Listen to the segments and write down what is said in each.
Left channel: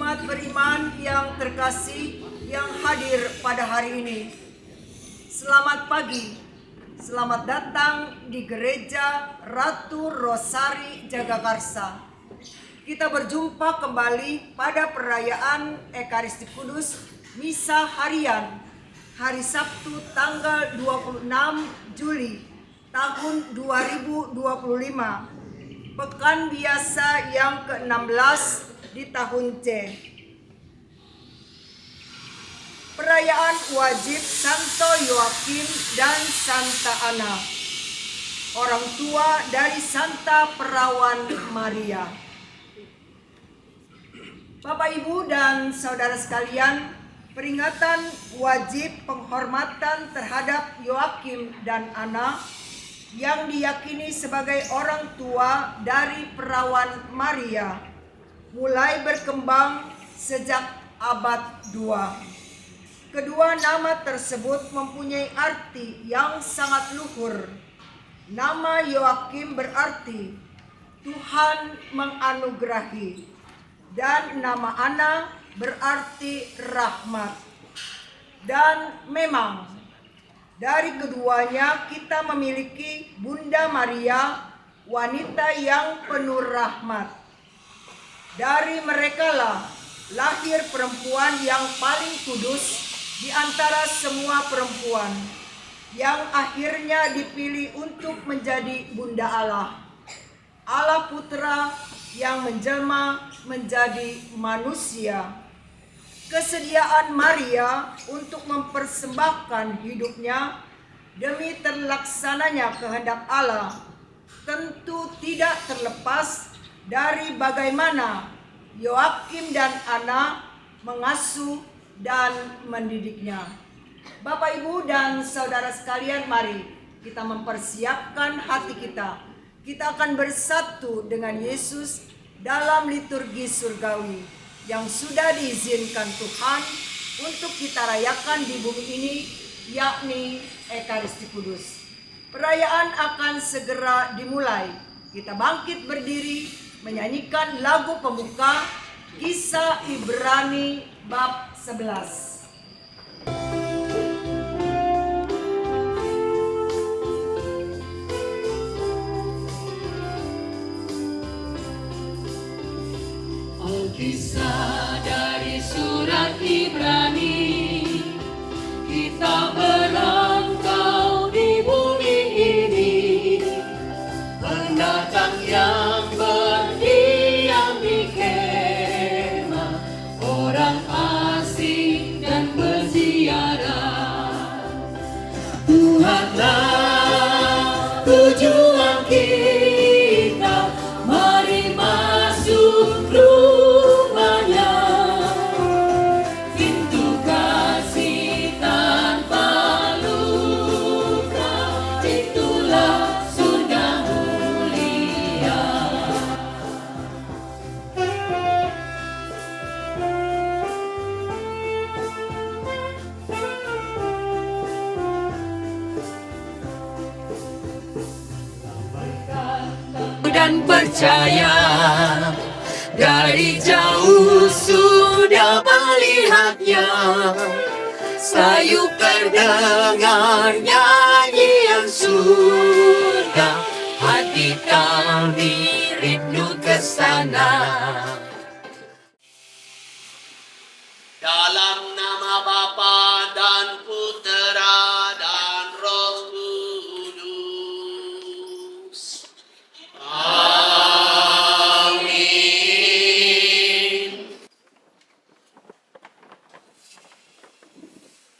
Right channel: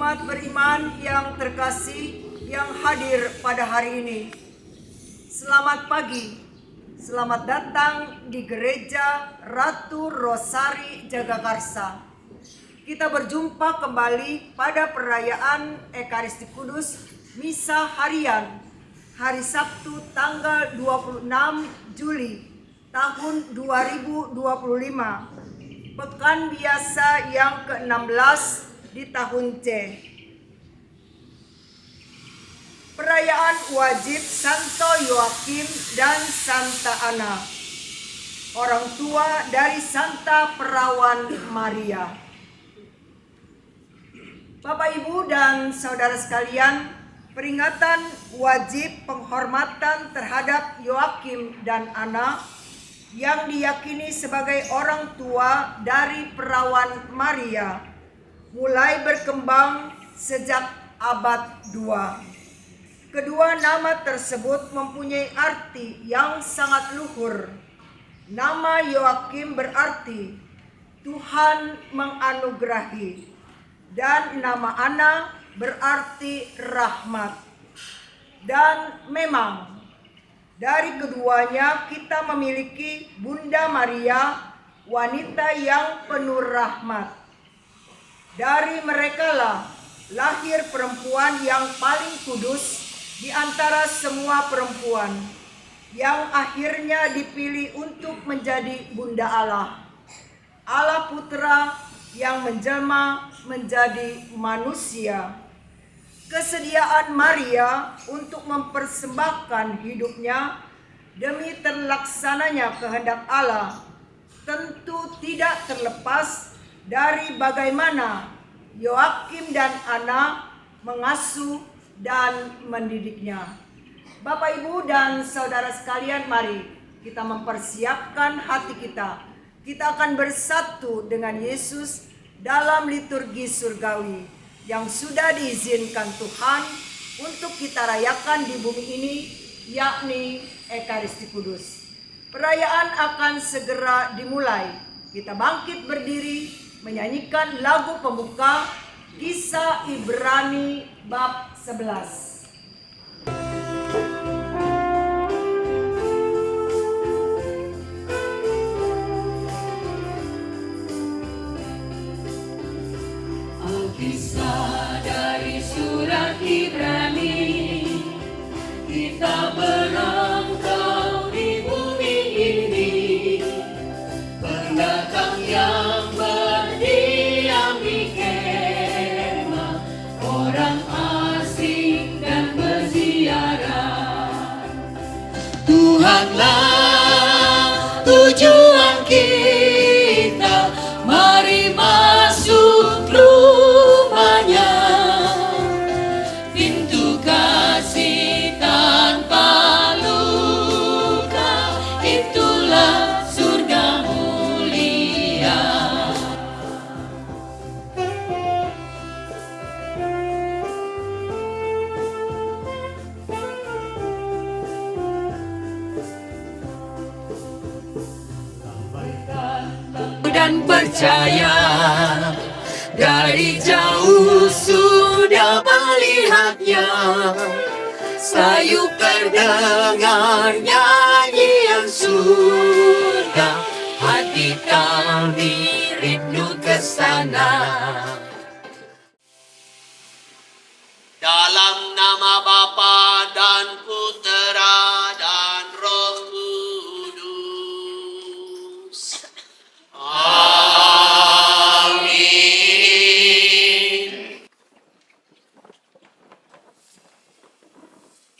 Umat beriman yang terkasih yang hadir pada hari ini, selamat pagi, selamat datang di Gereja Ratu Rosari Jagakarsa. Kita berjumpa kembali pada perayaan Ekaristi Kudus Misa Harian hari Sabtu tanggal 26 Juli tahun 2025, Pekan Biasa yang ke-16 di tahun C. Perayaan wajib Santo Yoakim dan Santa Ana, orang tua dari Santa Perawan Maria. Bapak, Ibu, dan saudara sekalian, peringatan wajib penghormatan terhadap Yoakim dan Ana yang diyakini sebagai orang tua dari Perawan Maria mulai berkembang sejak abad 2. Kedua nama tersebut mempunyai arti yang sangat luhur. Nama Yoakim berarti Tuhan menganugerahi, dan nama Ana berarti rahmat. Dan memang dari keduanya kita memiliki Bunda Maria, wanita yang penuh rahmat. Dari merekalah lahir perempuan yang paling kudus di antara semua perempuan, yang akhirnya dipilih untuk menjadi Bunda Allah, Allah Putra yang menjelma menjadi manusia. Kesediaan Maria untuk mempersembahkan hidupnya demi terlaksananya kehendak Allah tentu tidak terlepas dari bagaimana Yoakim dan Ana mengasuh dan mendidiknya. Bapak, Ibu, dan saudara sekalian, mari kita mempersiapkan hati kita. Kita akan bersatu dengan Yesus dalam liturgi surgawi yang sudah diizinkan Tuhan untuk kita rayakan di bumi ini, yakni Ekaristi Kudus. Perayaan akan segera dimulai. Kita bangkit berdiri menyanyikan lagu pembuka Kisah Ibrani bab 11. Kisah dari surat Ibrani, kita merantau di bumi ini, pendatang yang berdiam di kemah, orang asing dan berziarah. Tuhanlah tujuan kita, mari masuk rumahnya. Pintu kasih tanpa luka, itulah surga mulia. Dan percaya, dari jauh sudah melihatnya, sayup terdengar nyanyian surga, hati kami rindu ke sana. Dalam nama Bapa dan Putera dan Roh Kudus. Amin.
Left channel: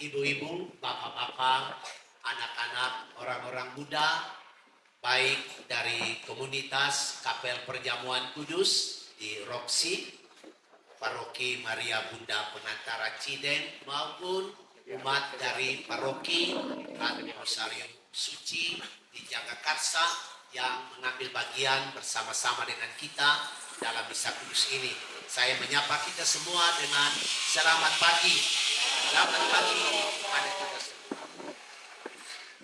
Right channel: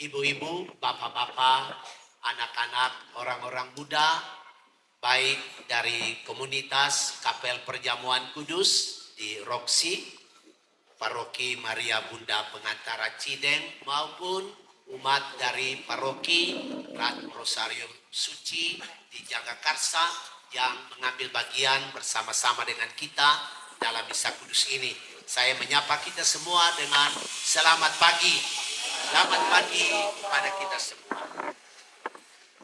Ibu-ibu, bapak-bapak, anak-anak, orang-orang muda, baik dari komunitas Kapel Perjamuan Kudus di Roksi, Paroki Maria Bunda Pengantara Cideng, maupun umat dari Paroki Ratu Rosario Suci di Jagakarsa yang mengambil bagian bersama-sama dengan kita dalam Misa Kudus ini. Saya menyapa kita semua dengan selamat pagi. Selamat pagi pada kita semua.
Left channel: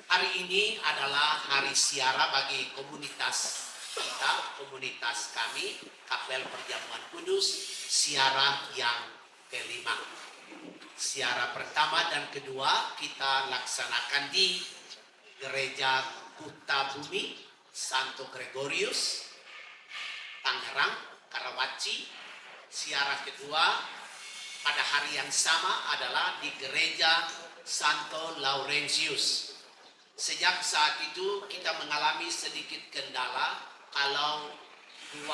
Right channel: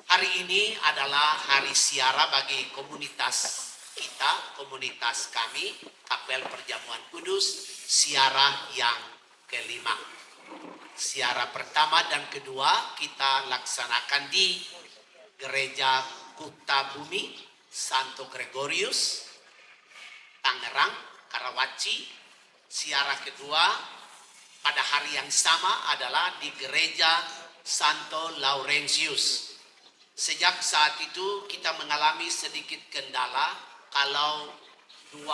Hari ini adalah hari siara bagi komunitas kita, komunitas kami, Kapel Perjamuan Kudus, siarah yang kelima. Siarah pertama dan kedua kita laksanakan di Gereja Kuta Bumi, Santo Gregorius, Tangerang, Karawaci. Siarah kedua pada hari yang sama adalah di Gereja Santo Laurentius. Sejak saat itu kita mengalami sedikit kendala kalau 2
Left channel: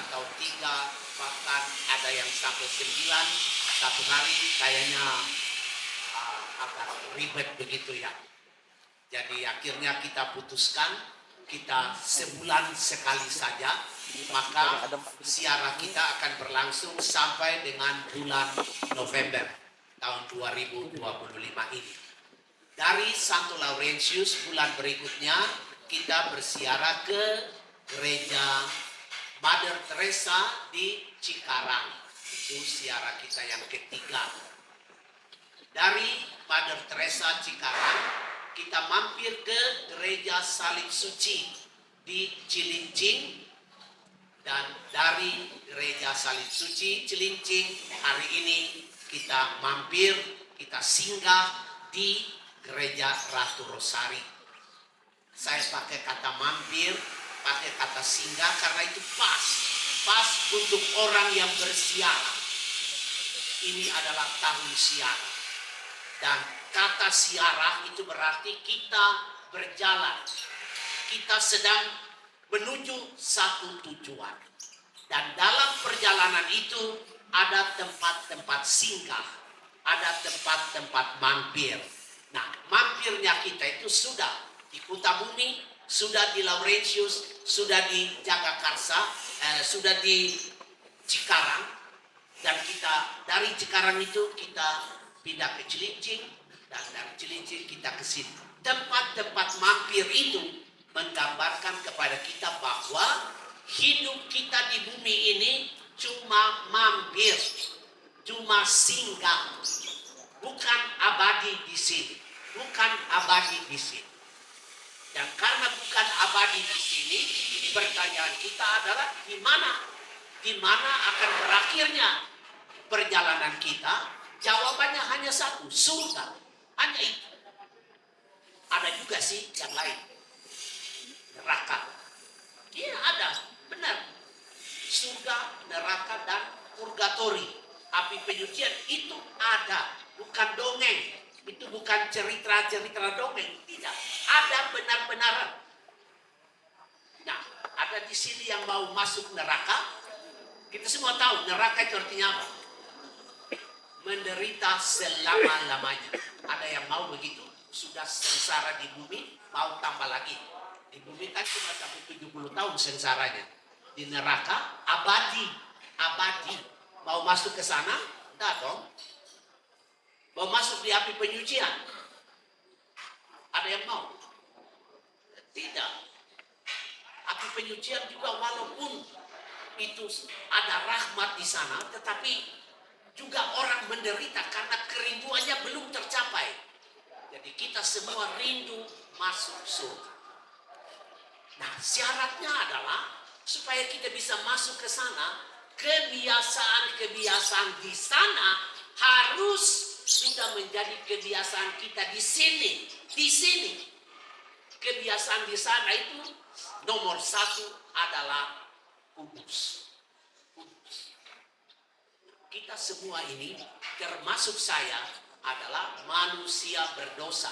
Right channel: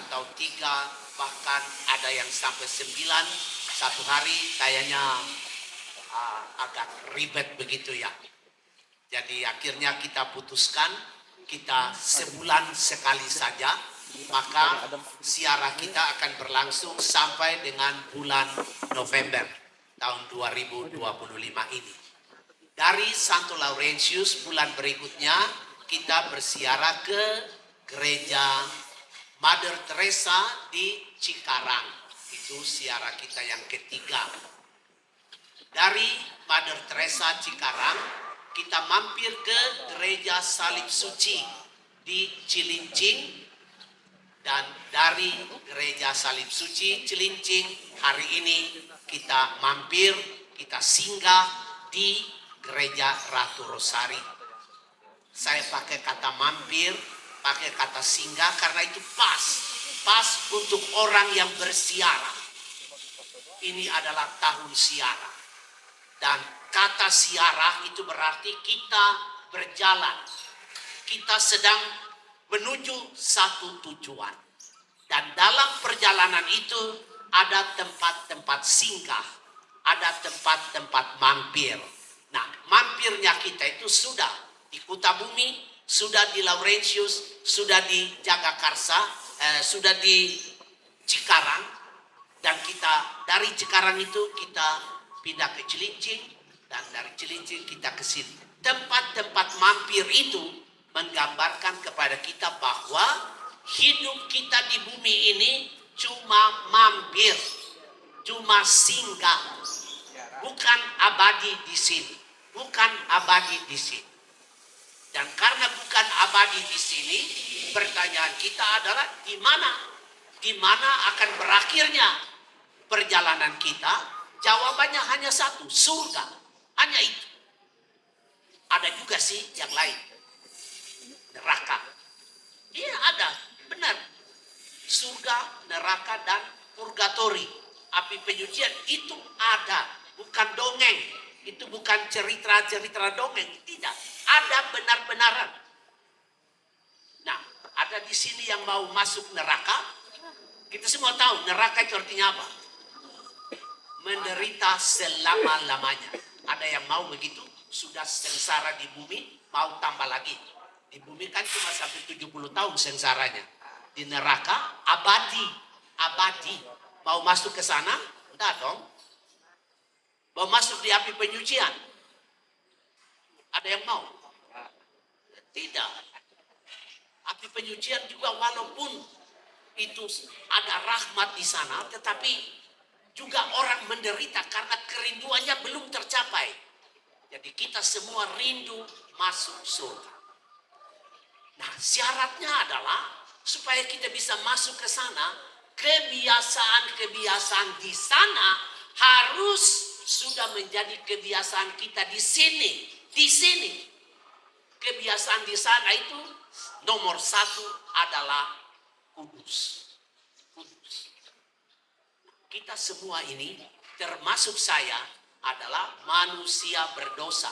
atau 3 bahkan ada yang sampai 9 satu hari kayaknya agak ribet begitu ya. Jadi akhirnya kita putuskan kita sebulan sekali saja, maka siarah kita akan berlangsung sampai dengan bulan November tahun 2025 ini. Dari Santo Laurentius bulan berikutnya kita bersiarah ke Gereja Mother Teresa di Cikarang. Itu siarah kita yang ketiga. Dari Mother Teresa Cikarang kita mampir ke Gereja Salib Suci di Cilincing, dan dari Gereja Salib Suci Cilincing hari ini kita mampir, kita singgah di Gereja Ratu Rosari. Saya pakai kata mampir, pakai kata singgah karena itu pas untuk orang yang bersiarah. Ini adalah tahun siarah. Dan kata siarah itu berarti kita berjalan. Kita sedang menuju satu tujuan. Dan dalam perjalanan itu ada tempat-tempat singgah. Ada tempat-tempat mampir. Nah, mampirnya kita itu sudah di Kuta Bumi, sudah di Laurentius, sudah di Jagakarsa, sudah di Cikarang. Dan kita dari Cikarang itu kita pindah ke Cilincing, dan dari Cilincing kita ke sini. Tempat-tempat mampir itu menggambarkan kepada kita bahwa hidup kita di bumi ini cuma mampir, cuma singgah, bukan abadi di sini, bukan abadi di sini. Dan karena bukan abadi di sini, pertanyaan kita adalah di mana akan berakhirnya perjalanan kita? Jawabannya hanya satu, surga. Hanya itu. Ada juga sih yang lain. Neraka. Iya ada, benar. Surga, neraka, dan purgatori. Api penyucian itu ada. Bukan dongeng. Itu bukan cerita-cerita dongeng. Tidak. Ada benar-benaran. Nah, ada di sini yang mau masuk neraka. Kita semua tahu neraka itu artinya apa? Menderita selama-lamanya. Ada yang mau begitu, sudah sengsara di bumi, mau tambah lagi. Di bumi kan cuma sampai 70 tahun sengsaranya. Di neraka abadi. Mau masuk ke sana? Enggak dong. Mau masuk di api penyucian? Ada yang mau? Tidak. Api penyucian juga walaupun itu ada rahmat di sana, tetapi juga orang menderita karena kerinduannya belum tercapai. Jadi kita semua rindu masuk surga. Nah, syaratnya adalah supaya kita bisa masuk ke sana, kebiasaan-kebiasaan di sana harus sudah menjadi kebiasaan kita di sini. Di sini. Kebiasaan di sana itu nomor 1 adalah kudus. Kita semua ini, termasuk saya, adalah manusia berdosa.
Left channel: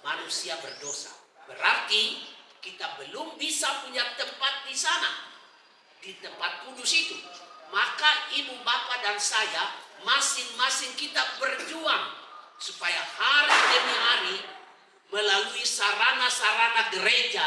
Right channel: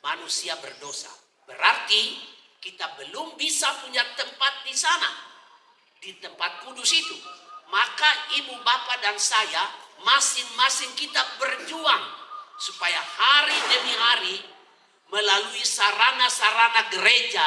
Manusia berdosa. Berarti kita belum bisa punya tempat di sana. Di tempat kudus itu. Maka ibu bapak dan saya, masing-masing kita berjuang. Supaya hari demi hari, melalui sarana-sarana gereja,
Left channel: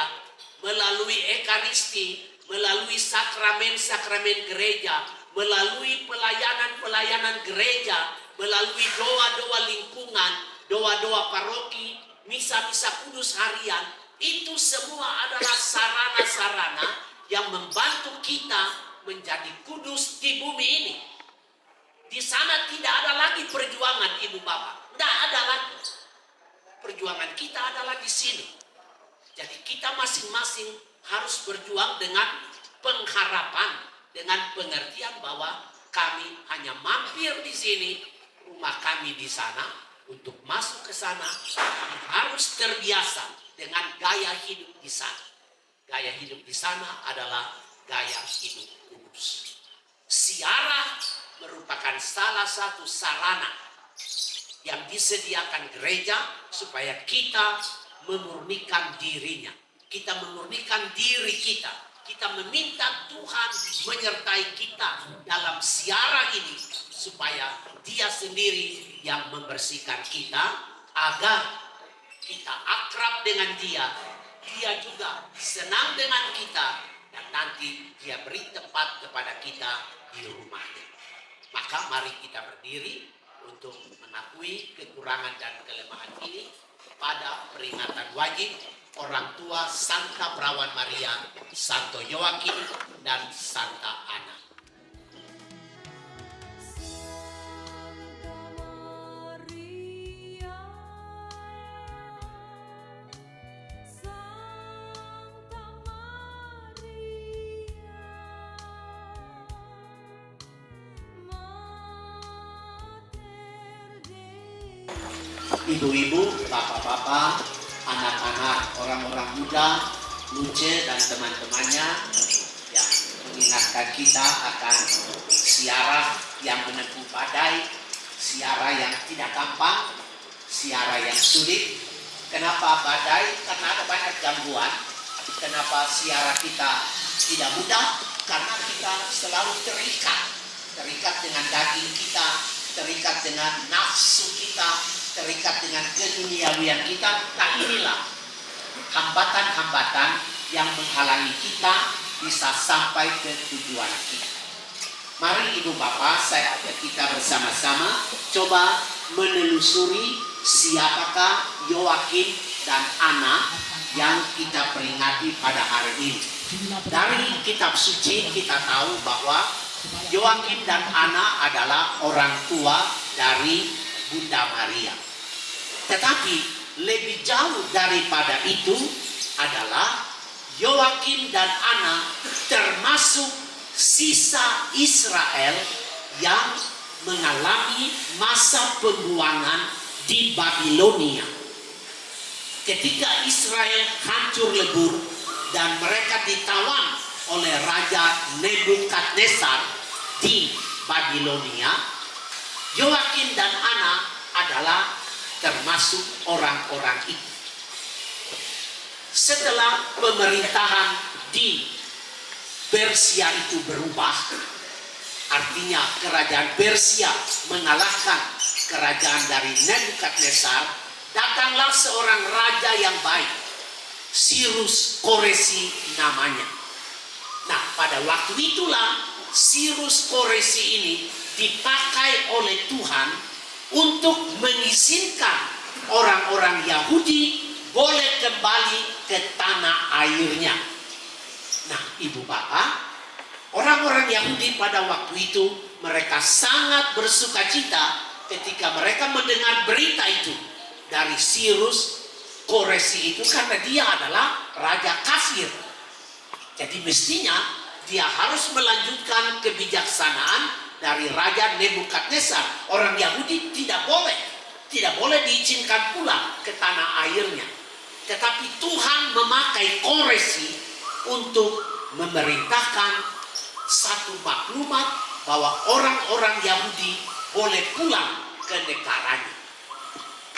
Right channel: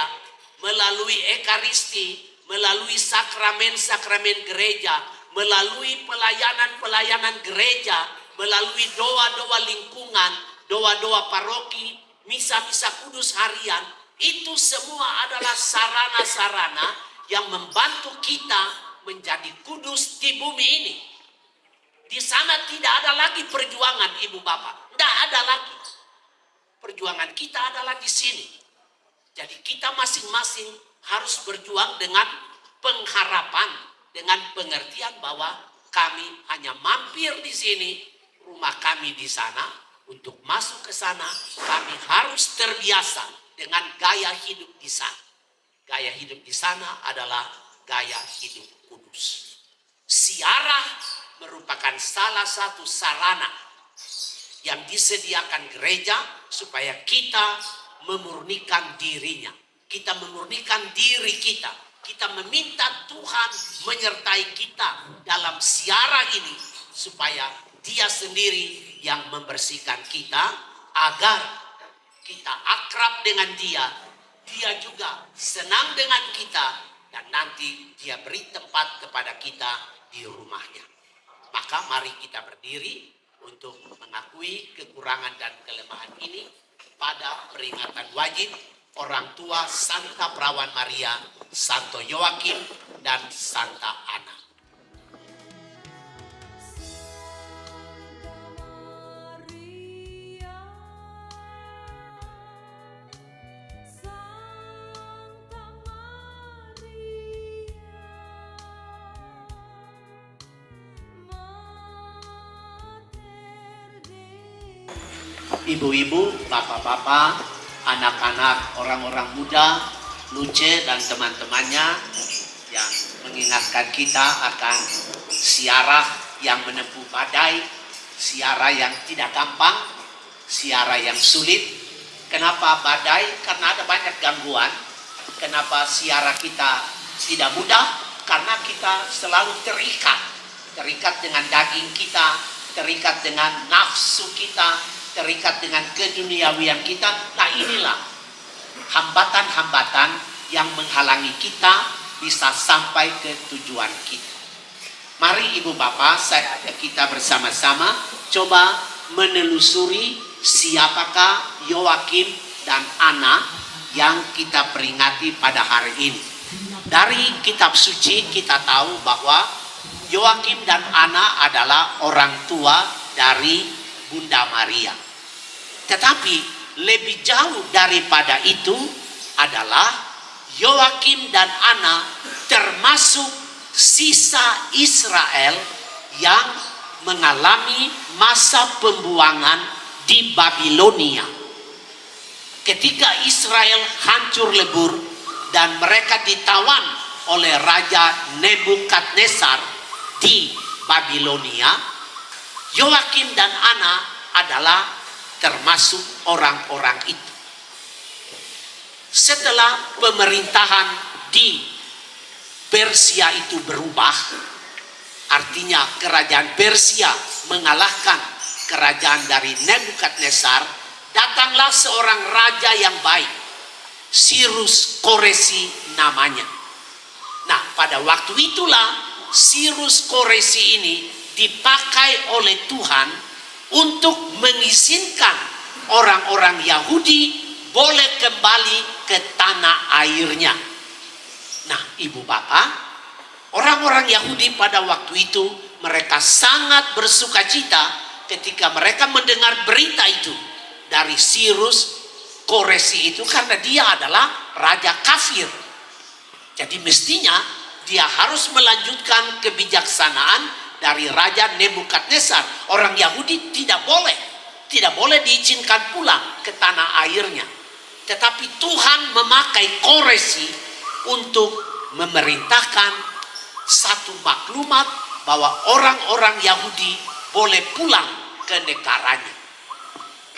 melalui ekaristi, melalui sakramen-sakramen gereja, melalui pelayanan-pelayanan gereja, melalui doa-doa lingkungan, doa-doa paroki, misa-misa kudus harian, itu semua adalah sarana-sarana yang membantu kita menjadi kudus di bumi ini. Di sana tidak ada lagi perjuangan ibu bapak, tidak ada lagi. Perjuangan kita adalah di sini. Jadi kita masing-masing harus berjuang dengan pengharapan, dengan pengertian bahwa kami hanya mampir di sini, rumah kami di sana. Untuk masuk ke sana, kami harus terbiasa dengan gaya hidup di sana. Gaya hidup di sana adalah gaya hidup kudus. Ziarah merupakan salah satu sarana yang disediakan gereja supaya kita memurnikan dirinya. Kita memurnikan diri kita. Kita meminta Tuhan menyertai kita dalam ziarah ini supaya Dia sendiri yang membersihkan kita agar kita akrab dengan Dia. Dia juga senang dengan kita dan nanti Dia beri tempat kepada kita di rumahnya. Maka mari kita berdiri untuk mengakui kekurangan dan kelemahan ini pada peringatan wajib orang tua Santa Perawan Maria, Santo Yoakim, dan Santa Ana. Ibu-ibu, bapak-bapak, anak-anak, orang-orang muda, Luce dan teman-temannya yang mengingatkan kita akan ziarah yang menempuh badai, ziarah yang tidak gampang, ziarah yang sulit. Kenapa badai? Karena ada banyak gangguan. Kenapa ziarah kita tidak mudah? Karena kita selalu terikat dengan daging kita, terikat dengan nafsu kita, terikat dengan keduniawian kita. Nah, inilah hambatan-hambatan yang menghalangi kita bisa sampai ke tujuan kita. Mari ibu bapak, kita bersama-sama coba menelusuri siapakah Yoakim dan Ana yang kita peringati pada hari ini. Dari kitab suci kita tahu bahwa Yoakim dan Ana adalah orang tua dari Bunda Maria. Tetapi lebih jauh daripada itu adalah Yoakim dan Ana termasuk sisa Israel yang mengalami masa pembuangan di Babilonia. Ketika Israel hancur lebur dan mereka ditawan oleh Raja Nebukadnezar di Babilonia, Yoakim dan Ana adalah termasuk orang-orang itu. Setelah pemerintahan di Persia itu berubah, artinya kerajaan Persia mengalahkan kerajaan dari Nebukadnezar, datanglah seorang raja yang baik, Cyrus Koresi namanya. Nah, pada waktu itulah Cyrus Koresi ini dipakai oleh Tuhan untuk mengizinkan orang-orang Yahudi boleh kembali ke tanah airnya. Nah, ibu bapak, orang-orang Yahudi pada waktu itu mereka sangat bersukacita ketika mereka mendengar berita itu dari Cyrus Koresi itu, karena dia adalah raja kafir. Jadi mestinya dia harus melanjutkan kebijaksanaan dari Raja Nebukadnezar. Orang Yahudi tidak boleh diizinkan pulang ke tanah airnya. Tetapi Tuhan memakai Koresi untuk memerintahkan satu maklumat bahwa orang-orang Yahudi boleh pulang ke negaranya.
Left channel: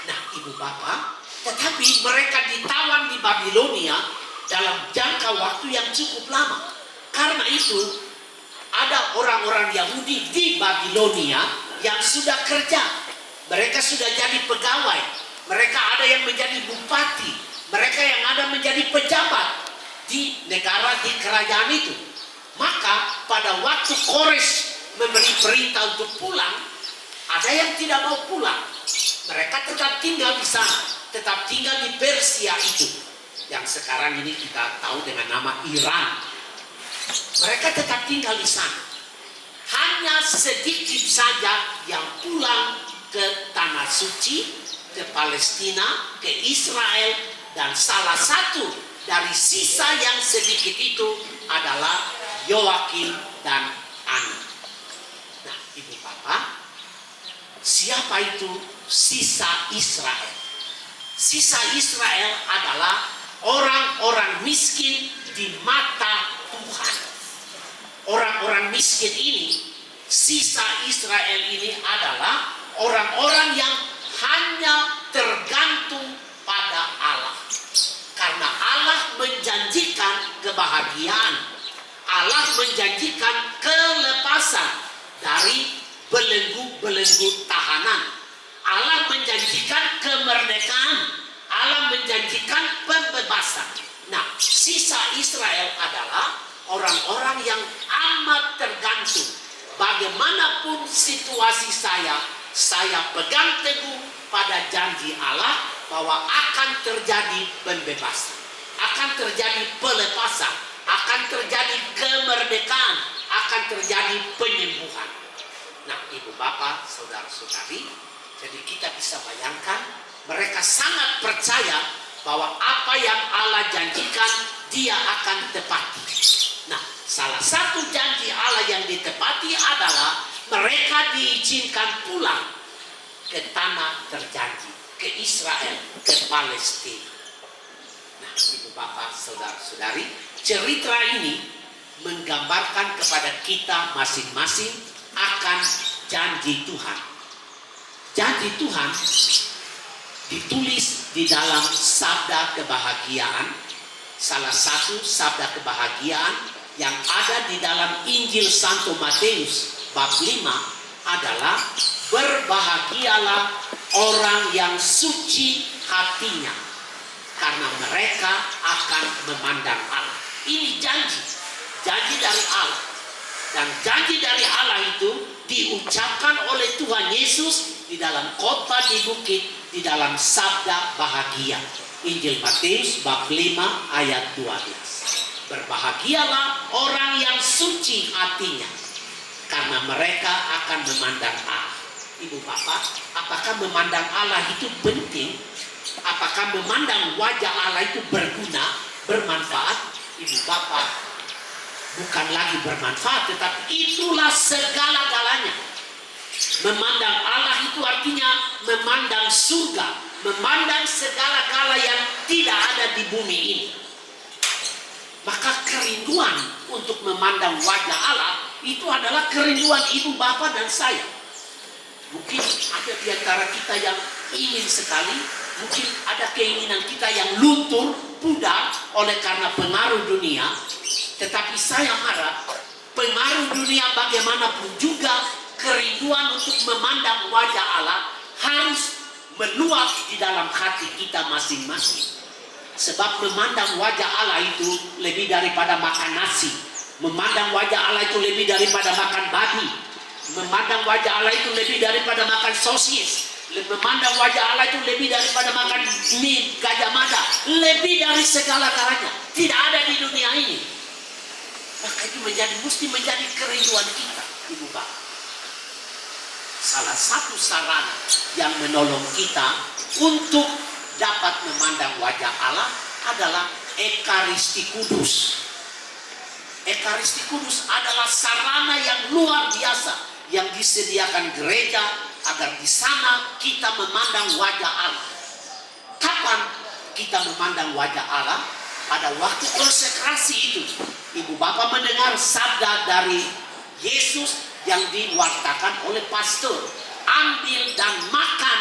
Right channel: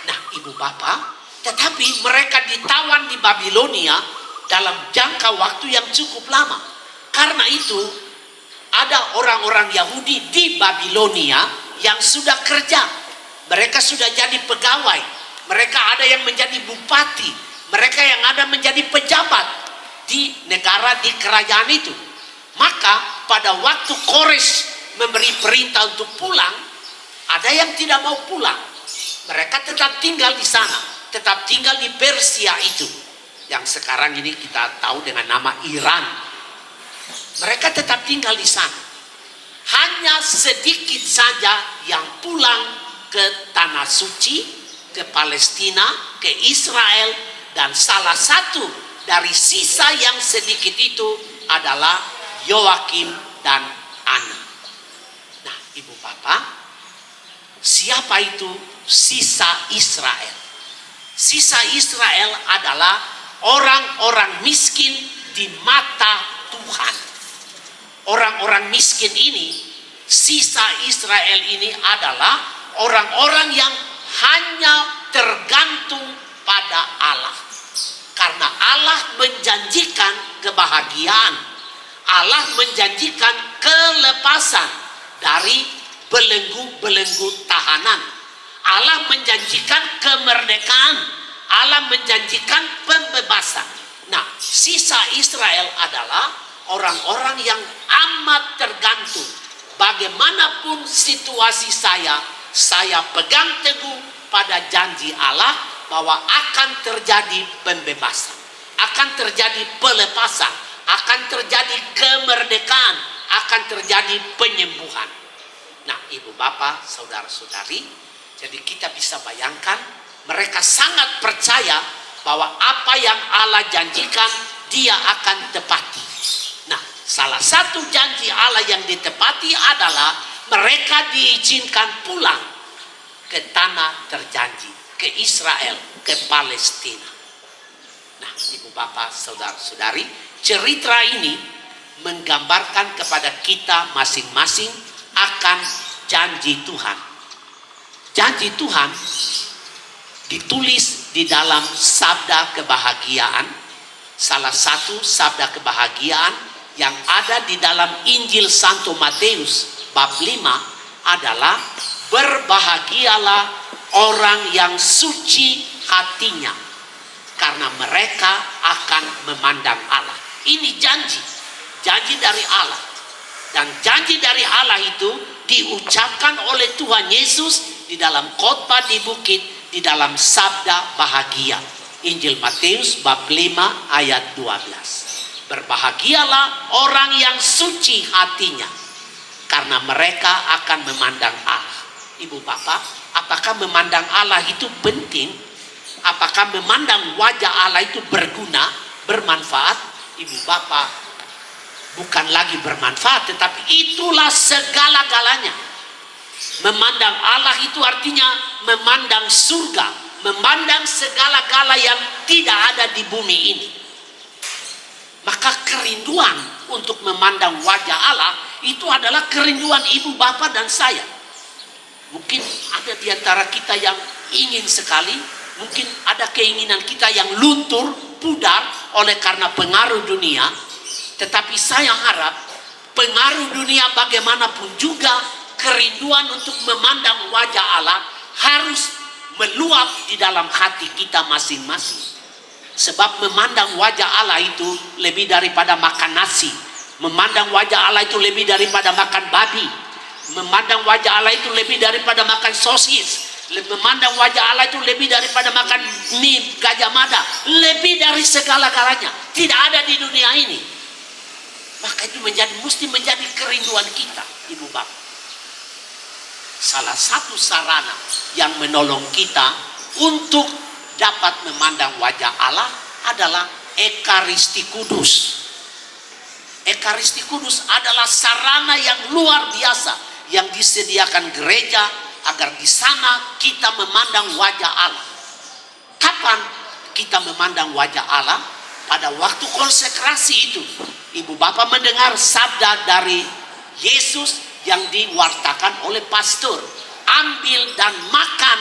Nah, ibu bapak, tetapi mereka ditawan di Babilonia dalam jangka waktu yang cukup lama. Karena itu ada orang-orang Yahudi di Babilonia yang sudah kerja. Mereka sudah jadi pegawai. Mereka ada yang menjadi bupati. Mereka yang ada menjadi pejabat di negara, di kerajaan itu. Maka pada waktu Kores memberi perintah untuk pulang, ada yang tidak mau pulang. Mereka tetap tinggal di sana. Tetap tinggal di Persia itu. Yang sekarang ini kita tahu dengan nama Iran. Mereka tetap tinggal di sana. Hanya sedikit saja yang pulang ke tanah suci, ke Palestina, ke Israel, dan salah satu dari sisa yang sedikit itu adalah Yoakim dan Ana. Nah, Ibu Bapak, siapa itu sisa Israel? Sisa Israel adalah orang-orang miskin di mata Tuhan. Orang-orang miskin ini, sisa Israel ini adalah orang-orang yang hanya tergantung pada Allah. Karena Allah menjanjikan kebahagiaan. Allah menjanjikan kelepasan dari belenggu-belenggu tahanan. Allah menjanjikan kemerdekaan. Allah menjanjikan pembebasan. Nah, sisa Israel adalah orang-orang yang amat tergantung. Bagaimanapun situasi saya pegang teguh pada janji Allah bahwa akan terjadi pembebasan, akan terjadi pelepasan, akan terjadi kemerdekaan, akan terjadi penyembuhan. Nah, Ibu Bapak, Saudara-saudari, jadi kita bisa bayangkan mereka sangat percaya bahwa apa yang Allah janjikan Dia akan tepati. Nah, salah satu janji Allah yang ditepati adalah mereka diizinkan pulang ke tanah terjanji, ke Israel, ke Palestina. Nah, Ibu Bapak, Saudara-saudari, cerita ini menggambarkan kepada kita masing-masing akan janji Tuhan. Janji Tuhan ditulis di dalam sabda kebahagiaan. Salah satu sabda kebahagiaan yang ada di dalam Injil Santo Matius bab 5 adalah berbahagialah orang yang suci hatinya, karena mereka akan memandang Allah. Ini janji dari Allah. Dan janji dari Allah itu diucapkan oleh Tuhan Yesus di dalam khotbah di bukit, di dalam sabda bahagia. Injil Matius bab 5 ayat 12. Berbahagialah orang yang suci hatinya, karena mereka akan memandang Allah. Ibu Bapak, apakah memandang Allah itu penting? Apakah memandang wajah Allah itu berguna, bermanfaat? Ibu Bapak, bukan lagi bermanfaat, tetapi itulah segala-galanya. Memandang Allah itu artinya memandang surga, memandang segala-gala yang tidak ada di bumi ini. Maka kerinduan untuk memandang wajah Allah itu adalah kerinduan Ibu Bapak dan saya. Mungkin ada di antara kita yang ingin sekali, mungkin ada keinginan kita yang luntur, pudar oleh karena pengaruh dunia. Tetapi saya harap pengaruh dunia bagaimanapun juga, kerinduan untuk memandang wajah Allah harus meluap di dalam hati kita masing-masing. Sebab memandang wajah Allah itu lebih daripada makan nasi. Memandang wajah Allah itu lebih daripada makan babi. Memandang wajah Allah itu lebih daripada makan sosis. Memandang wajah Allah itu lebih daripada makan mie Gajah Mada. Lebih dari segala-galanya. Tidak ada di dunia ini. Maka itu mesti menjadi kerinduan kita, Ibu Bapak. Salah satu sarana yang menolong kita untuk dapat memandang wajah Allah adalah Ekaristi Kudus. Ekaristi Kudus adalah sarana yang luar biasa yang disediakan gereja agar di sana kita memandang wajah Allah. Kapan kita memandang wajah Allah? Pada waktu konsekrasi itu. Ibu Bapak mendengar sabda dari Yesus yang diwartakan oleh pastor. Ambil dan makan,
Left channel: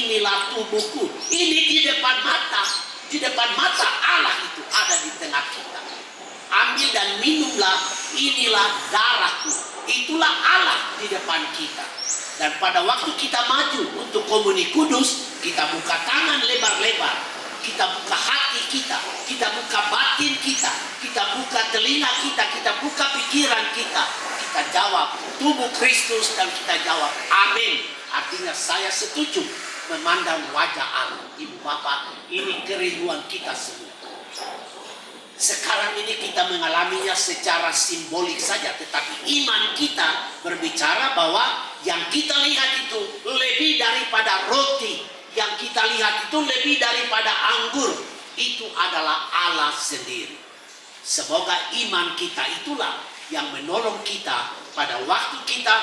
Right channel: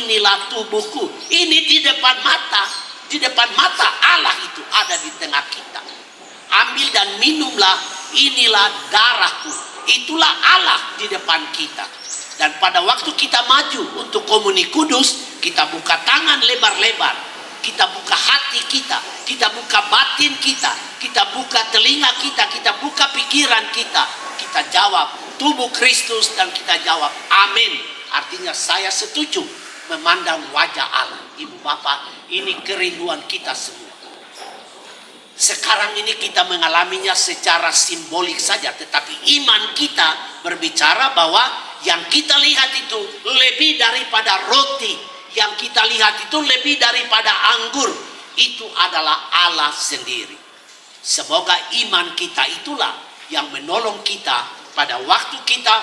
inilah tubuhku. Ini di depan mata. Di depan mata Allah itu ada di tengah kita. Ambil dan minumlah, inilah darahku. Itulah Allah di depan kita. Dan pada waktu kita maju untuk komuni kudus, kita buka tangan lebar-lebar. Kita buka hati kita, kita buka batin kita, kita buka telinga kita, kita buka pikiran kita. Kita jawab tubuh Kristus dan kita jawab amin. Artinya saya setuju memandang wajah Allah. Ibu Bapak, ini kerinduan kita semua. Sekarang ini kita mengalaminya secara simbolik saja, tetapi iman kita berbicara bahwa yang kita lihat itu lebih daripada roti. Yang kita lihat itu lebih daripada anggur. itu adalah Allah sendiri. Semoga iman kita itulah yang menolong kita pada waktu kita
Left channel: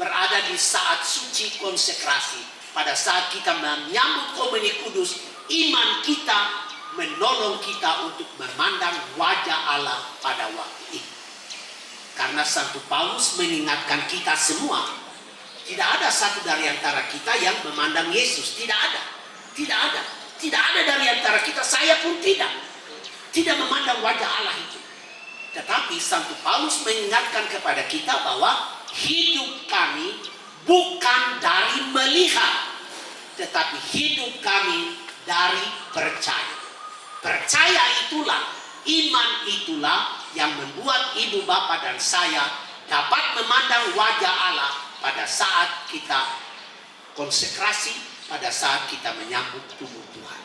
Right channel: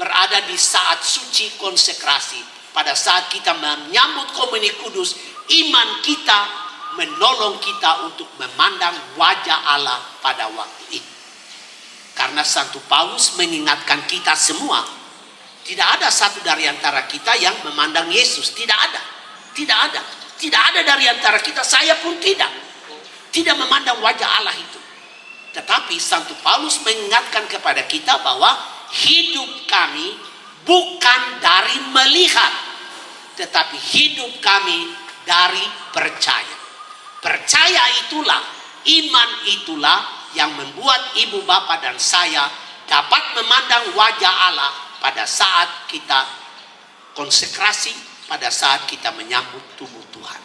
berada di saat suci konsekrasi. Pada saat kita menyambut komuni kudus, iman kita menolong kita untuk memandang wajah Allah pada waktu itu. Karena Santo Paulus mengingatkan kita semua, tidak ada satu dari antara kita yang memandang Yesus. Tidak ada. Tidak ada. Tidak ada dari antara kita, saya pun tidak. Tidak memandang wajah Allah itu. Tetapi Santo Paulus mengingatkan kepada kita bahwa hidup kami bukan dari melihat, tetapi hidup kami dari percaya. Percaya itulah, iman itulah yang membuat ibu bapak dan saya dapat memandang wajah Allah pada saat kita konsekrasi, pada saat kita menyambut tubuh Tuhan.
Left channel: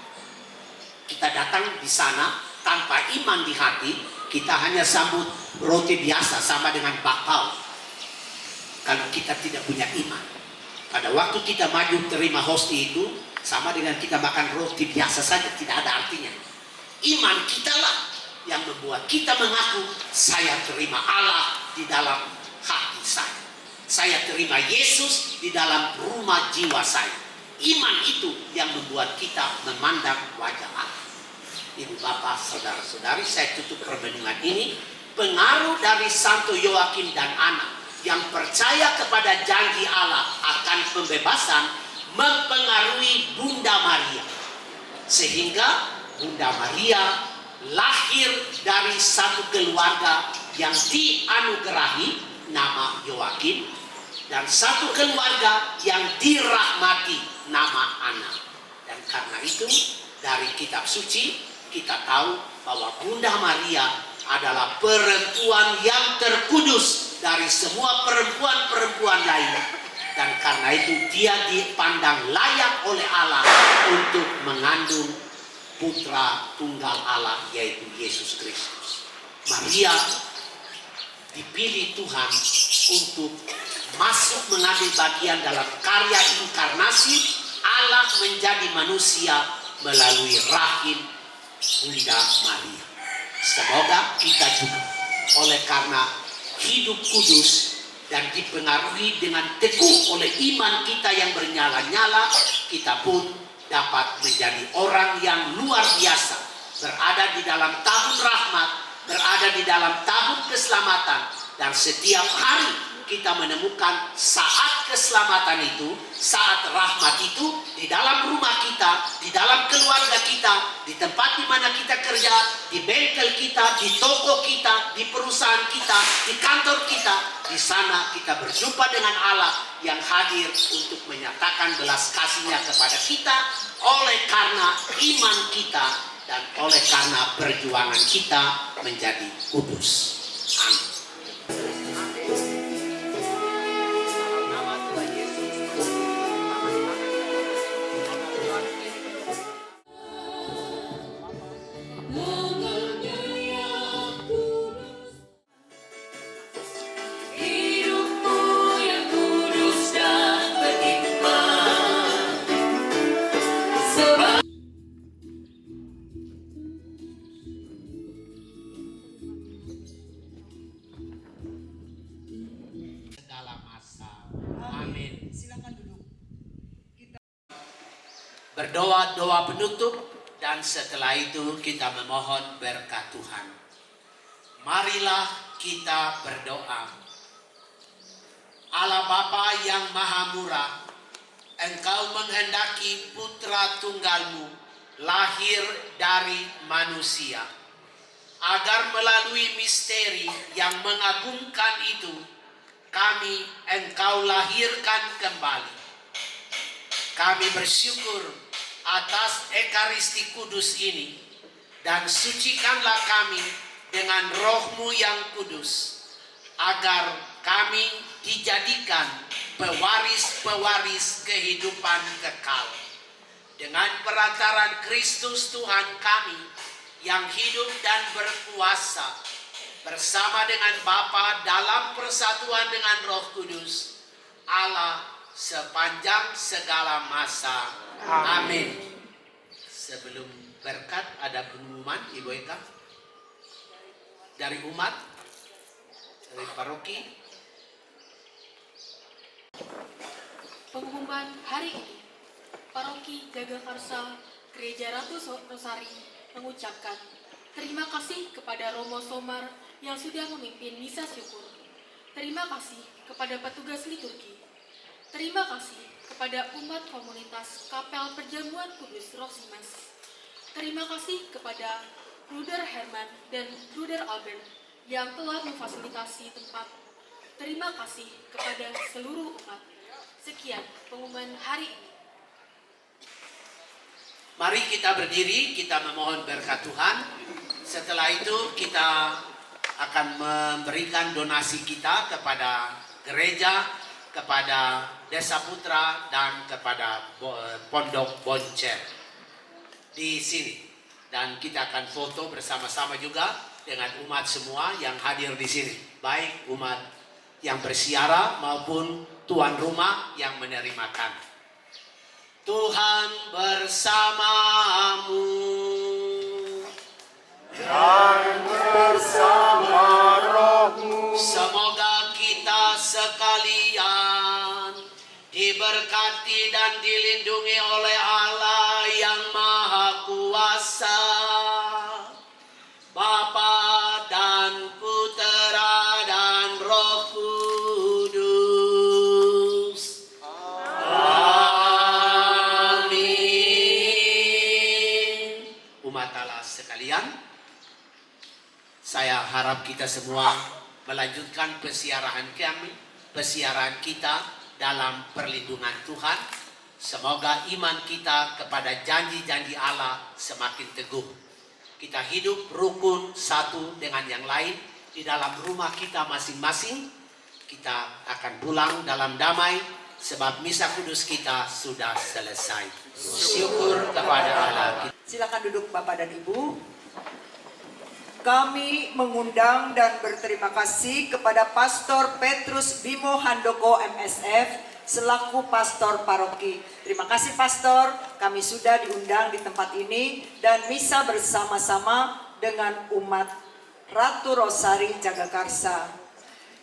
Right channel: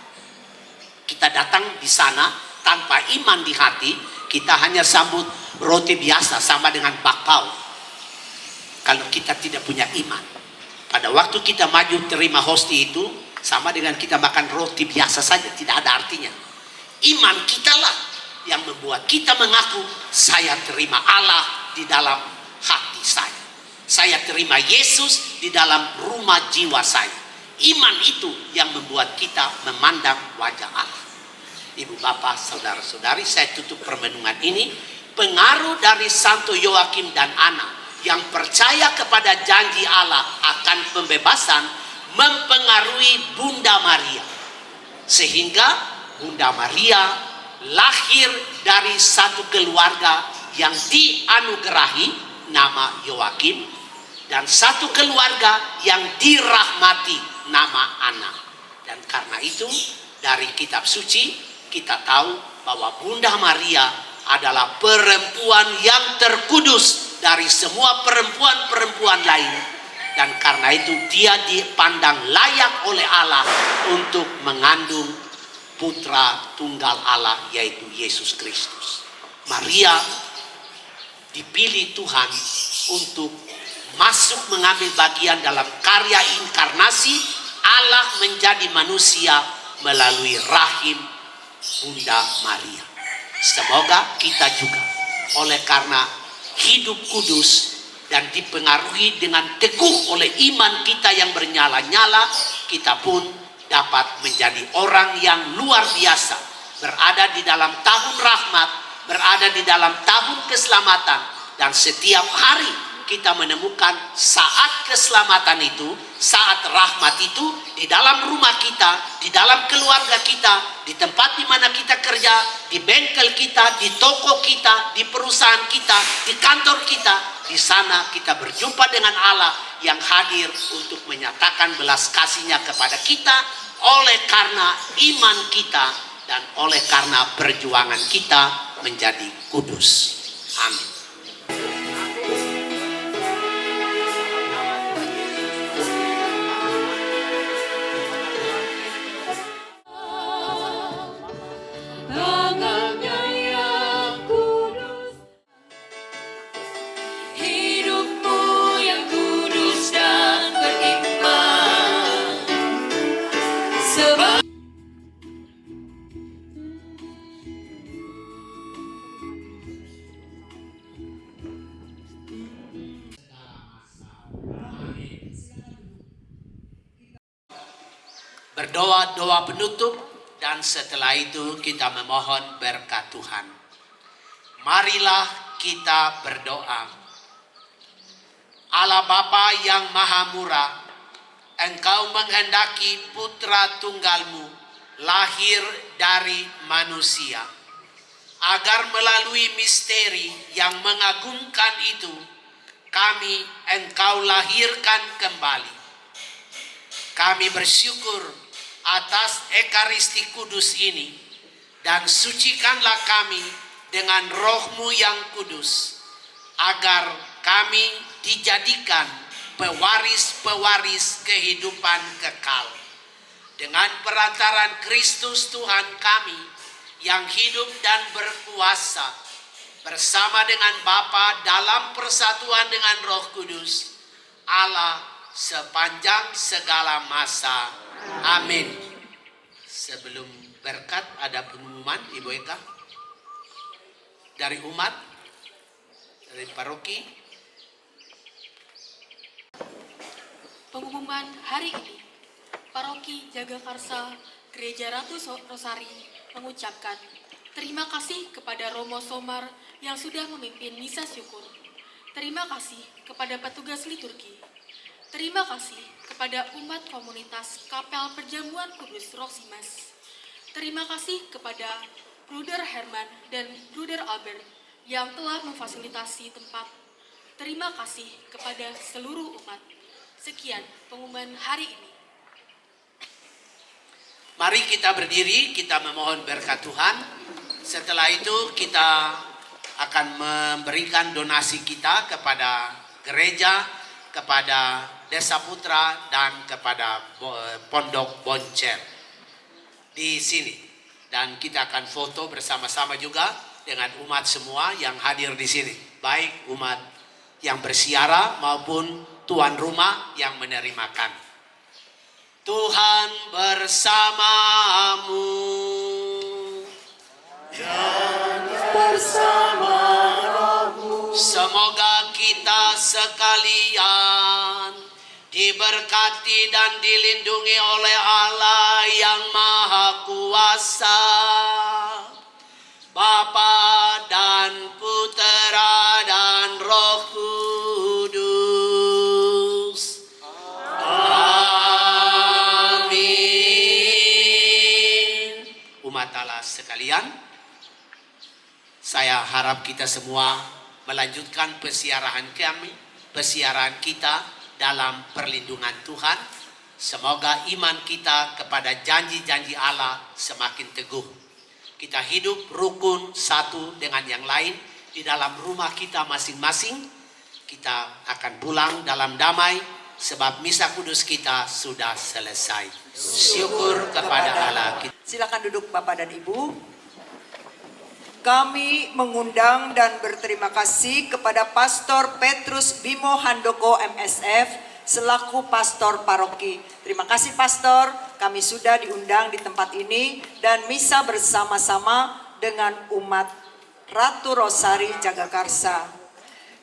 Kita datang di sana tanpa iman di hati, kita hanya sambut roti biasa sama dengan bakpao. Kalau kita tidak punya iman, pada waktu kita maju terima hosti itu sama dengan kita makan roti biasa saja, tidak ada artinya. Iman kitalah yang membuat kita mengaku, saya terima Allah di dalam hati saya. Saya terima Yesus di dalam rumah jiwa saya. Iman itu yang membuat kita memandang wajah Allah. Ibu bapak, saudara-saudari, saya tutup permenungan ini. Pengaruh dari Santo Yoakim dan Ana yang percaya kepada janji Allah akan pembebasan mempengaruhi Bunda Maria. Sehingga Bunda Maria lahir dari satu keluarga yang dianugerahi nama Yoakim, dan satu keluarga yang dirahmati nama Ana. Dan karena itu dari kitab suci kita tahu bahwa Bunda Maria adalah perempuan yang terkudus dari semua perempuan-perempuan lain. Dan karena itu dia dipandang layak oleh Allah untuk mengandung putra tunggal Allah, yaitu Yesus Kristus. Maria dipilih Tuhan untuk masuk mengambil bagian dalam karya inkarnasi Allah menjadi manusia melalui rahim Bunda Maria. Semoga kita juga oleh karena hidup kudus dan dipengaruhi dengan teguh oleh iman kita yang bernyala-nyala, kita pun dapat menjadi orang yang luar biasa, berada di dalam tahun rahmat, berada di dalam tahun keselamatan, dan setiap hari kita menemukan saat keselamatan itu, saat rahmat itu di dalam rumah kita, di dalam keluarga kita, di tempat di mana kita kerja, di bengkel kita, di toko kita, di perusahaan kita, di kantor kita. Di sana kita berjumpa dengan Allah yang hadir untuk menyatakan belas kasih-Nya kepada kita oleh karena iman kita dan oleh karena perjuangan kita menjadi kudus. Amin. Berdoa doa penutup dan setelah itu kita memohon berkat Tuhan. Marilah kita berdoa. Allah Bapa yang Maha Murah, Engkau menghendaki putra tunggal-Mu lahir dari manusia, agar melalui misteri yang mengagumkan itu kami Engkau lahirkan kembali. Kami bersyukur atas Ekaristi Kudus ini, dan sucikanlah kami dengan Roh-Mu yang kudus, agar kami dijadikan pewaris-pewaris kehidupan kekal. Dengan perantaran Kristus Tuhan kami yang hidup dan berkuasa bersama dengan Bapa dalam persatuan dengan Roh Kudus, Allah sepanjang segala masa. Amin. Sebelum berkat ada pengumuman Ibu Eka dari umat, dari paroki. Pengumuman hari ini, Paroki Jagakarsa Gereja Ratu Rosari mengucapkan terima kasih kepada Romo Somar yang sudah memimpin misa syukur. Terima kasih kepada petugas liturgi. Terima kasih kepada umat komunitas Kapel Perjamuan Kudus Roksimas. Terima kasih kepada Bruder Herman dan Bruder Albert yang telah memfasilitasi tempat. Terima kasih kepada seluruh umat. Sekian pengumuman hari ini. Mari kita berdiri, kita memohon berkat Tuhan. Setelah itu kita akan memberikan donasi kita kepada gereja, kepada Desa Putra, dan kepada Pondok Boncer di sini. Dan kita akan foto bersama-sama juga dengan umat semua yang hadir di sini. Baik umat yang bersiara maupun tuan rumah yang menerima kami. Tuhan bersamamu. Dan bersama rohmu. Semoga kita sekalian diberkati dan dilindungi oleh Allah yang Maha Kuasa, Bapa dan Putera dan Roh Kudus. Amin. Umat Allah sekalian, saya harap kita semua melanjutkan persiaran kita dalam perlindungan Tuhan. Semoga iman kita kepada janji-janji Allah semakin teguh. Kita hidup rukun satu dengan yang lain di dalam rumah kita masing-masing. Kita akan pulang dalam damai sebab misa kudus kita sudah selesai. Syukur kepada Allah. Silakan duduk Bapak dan Ibu. Kami mengundang dan berterima kasih kepada Pastor Petrus Bimo Handoko MSF selaku pastor paroki. Terima kasih Pastor, kami sudah diundang di tempat ini dan misa bersama-sama dengan umat Ratu Rosari Jagakarsa.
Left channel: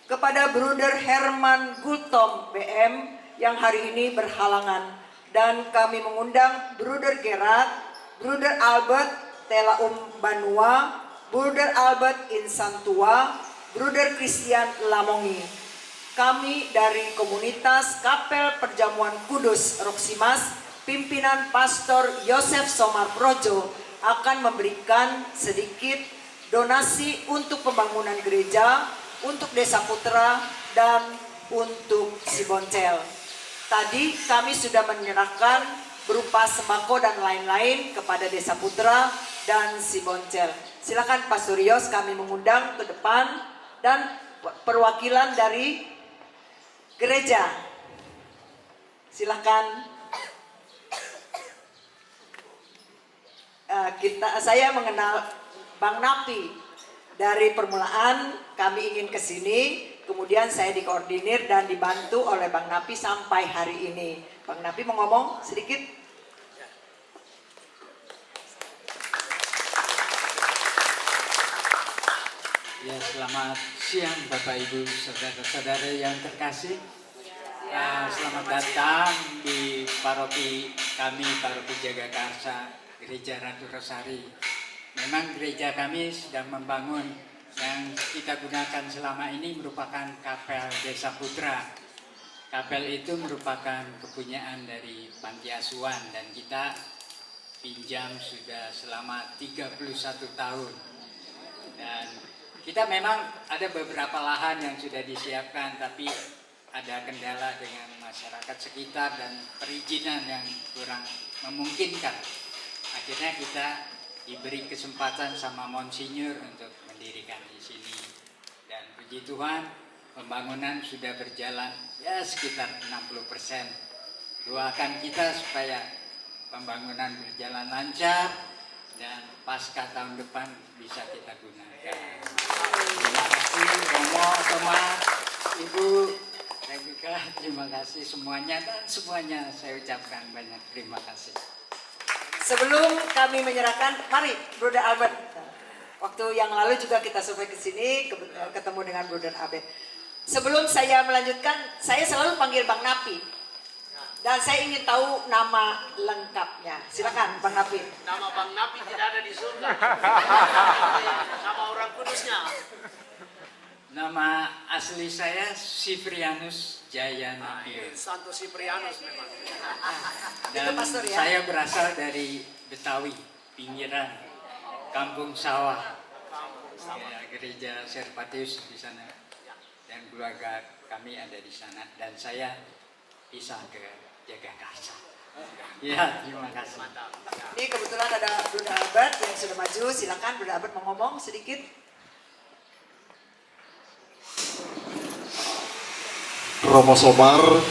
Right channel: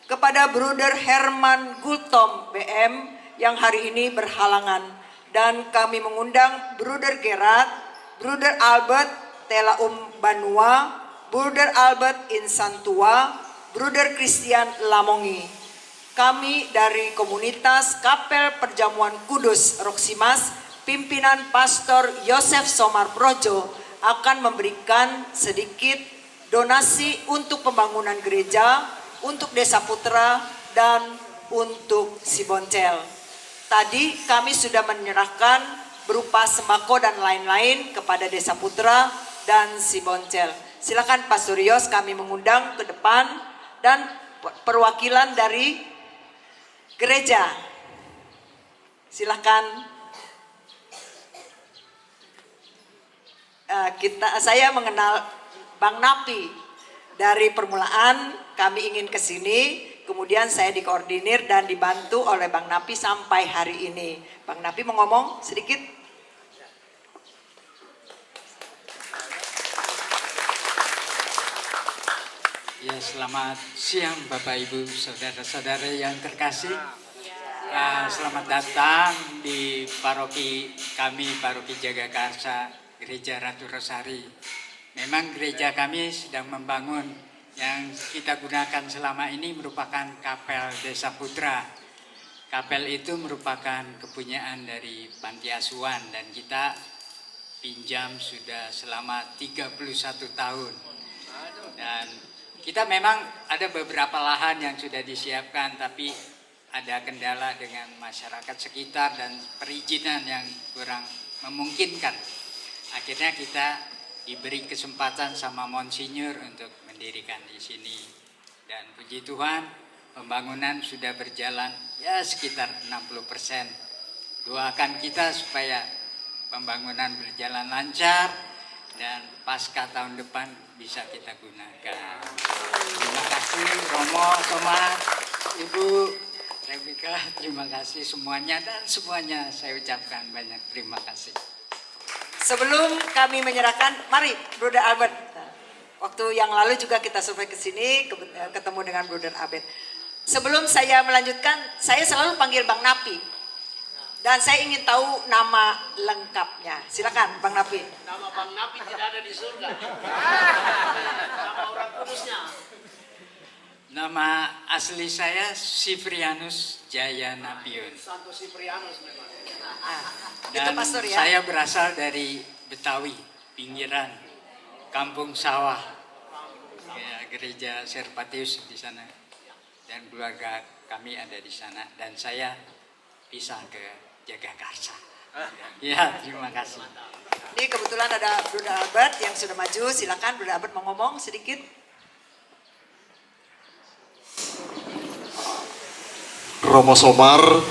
Kepada Bruder Herman Gultom BM yang hari ini berhalangan, dan kami mengundang Bruder Gerard, Bruder Albert Telaum Banua, Bruder Albert Insantua, Bruder Christian Lamongi. Kami dari komunitas Kapel Perjamuan Kudus Roksimas, pimpinan Pastor Yosef Somar Projo akan memberikan sedikit donasi untuk pembangunan gereja, untuk Desa Putra, dan untuk Siboncel. Tadi kami sudah menyerahkan berupa sembako dan lain-lain kepada Desa Putra dan Siboncel. Silakan Pastor Yos, kami mengundang ke depan dan perwakilan dari gereja. Silakan. Saya mengenal Bang Napi dari permulaan. Kami ingin ke sini, kemudian saya dikoordinir dan dibantu oleh Bang Napi sampai hari ini. Bang Napi mau ngomong sedikit? Ya, selamat siang Bapak Ibu saudara-saudara yang terkasih. Selamat datang di paroki kami, Paroki Jagakarsa Gereja Ratu Rosari. Memang gereja kami sedang membangun, yang kita gunakan selama ini merupakan Kapel Desa Putra. Kapel itu merupakan kepunyaan dari Panti Asuhan dan kita pinjam sudah selama 31 tahun. Dan kita memang ada beberapa lahan yang sudah disiapkan, tapi ada kendala dengan masyarakat sekitar dan perizinan yang kurang memungkinkan. Akhirnya kita diberi kesempatan sama Monsinyur untuk mendirikan di sini. Dan puji Tuhan, pembangunan sudah berjalan ya sekitar 60%. Doakan kita supaya pembangunan berjalan lancar dan pasca tahun depan bisa kita gunakan. Terima kasih Romo, Thomas, Ibu Rebecca, terima kasih semuanya, dan semuanya saya ucapkan banyak terima kasih. Sebelum kami menyerahkan, mari Brother Albert. Waktu yang lalu juga kita survei ke sini, ketemu dengan Brother Albert. Sebelum saya melanjutkan, saya selalu panggil Bang Napi. Dan saya ingin tahu nama lengkapnya. Silakan Bang Napi. Nama Bang Napi tidak ada di surga. Nama orang kudusnya. Nama asli saya Sifrianus Jaya Napiun. Santo Siprianus memang. Itu Dan pastor ya. saya berasal dari Betawi, pinggiran, Kampung Sawah. Ya, gereja Serpatius di sana. Dan keluarga kami ada di sana. Dan saya pisah ke Jagakarsa. Ya, terima kasih. Ini kebetulan ada Brother Albert yang sudah maju. Silakan Brother Albert mau ngomong sedikit. Romo Somar,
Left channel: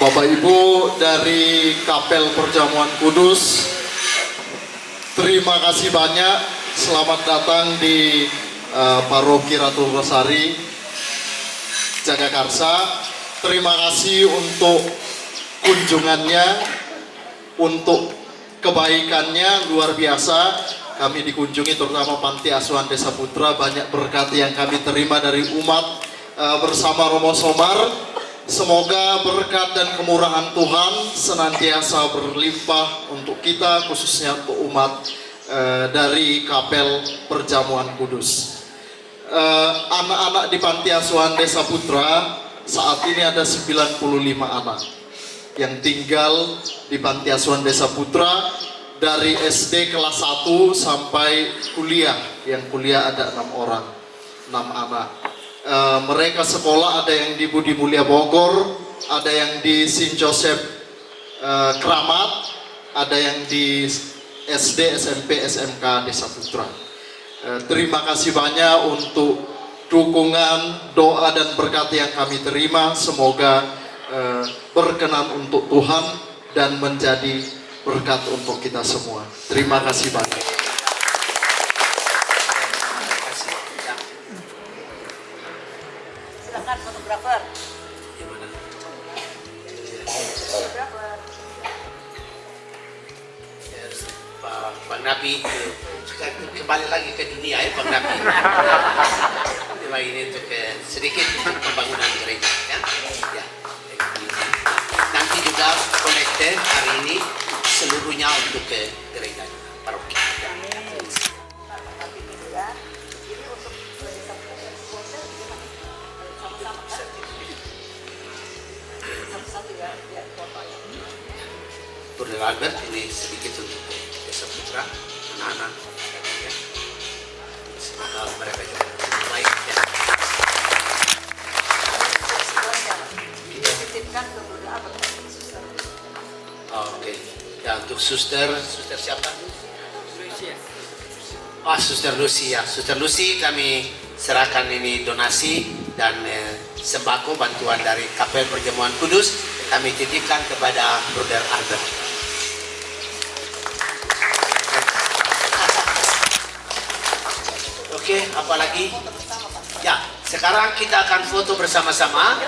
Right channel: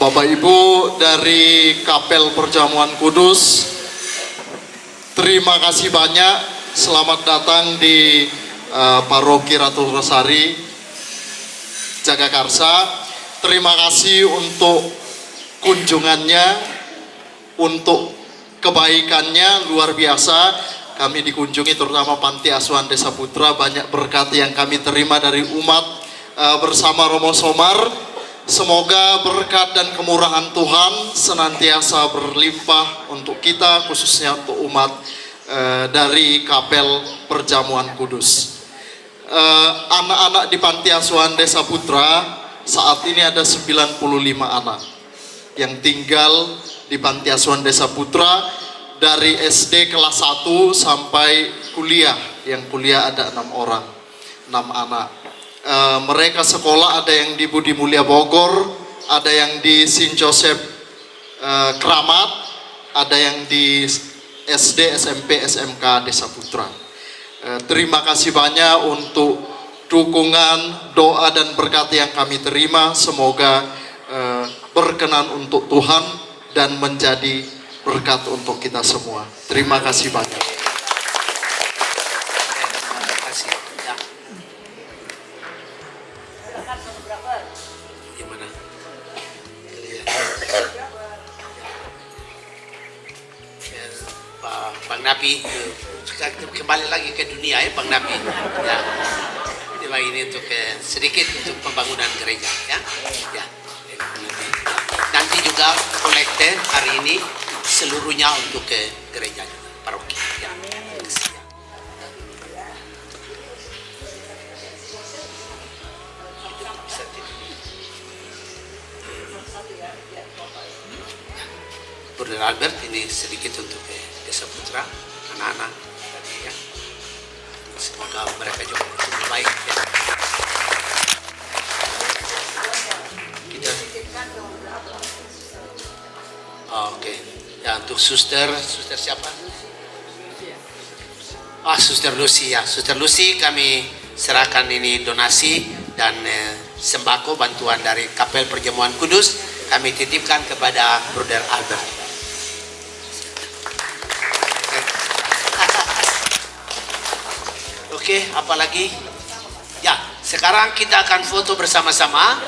Bapak Ibu dari Kapel Perjamuan Kudus, terima kasih banyak. Selamat datang di Paroki Ratu Rosari, Jagakarsa. Terima kasih untuk kunjungannya, untuk kebaikannya luar biasa. Kami dikunjungi terutama Panti Asuhan Desa Putra, banyak berkat yang kami terima dari umat bersama Romo Somar. Semoga berkat dan kemurahan Tuhan senantiasa berlimpah untuk kita, khususnya untuk umat dari Kapel Perjamuan Kudus. Anak-anak di Panti Asuhan Desa Putra saat ini ada 95 anak yang tinggal di Panti Asuhan Desa Putra, dari SD kelas 1 sampai kuliah. Yang kuliah ada 6 orang, 6 anak. Mereka sekolah ada yang di Budi Mulia Bogor, ada yang di Saint Joseph Kramat, ada yang di SD, SMP, SMK Desa Putra. Terima kasih banyak untuk dukungan, doa dan berkat yang kami terima. Semoga berkenan untuk Tuhan dan menjadi berkat untuk kita semua. Terima kasih banyak. Terima kasih. Ya. Silakan fotografer. Gimana? Bang Napi, kembali lagi ke dunia ya Bang Napi. Coba ini untuk sedikit untuk pembangunan gereja ya. Ya. Nanti juga kolekte hari ini seluruhnya untuk ke gereja paroki. Ya. Brother Albert ini sedikit untuk Desa Putra, anak-anak. Ya. Semoga mereka juga baik. Ya. Kita. Oke. Ya untuk suster siapa? Suster Lucy ya. Suster Lucy kami serahkan ini donasi dan sembako bantuan dari Kapel Perjamuan Kudus kami titipkan kepada Brother Albert. Oke, apalagi? Ya, sekarang kita akan foto bersama-sama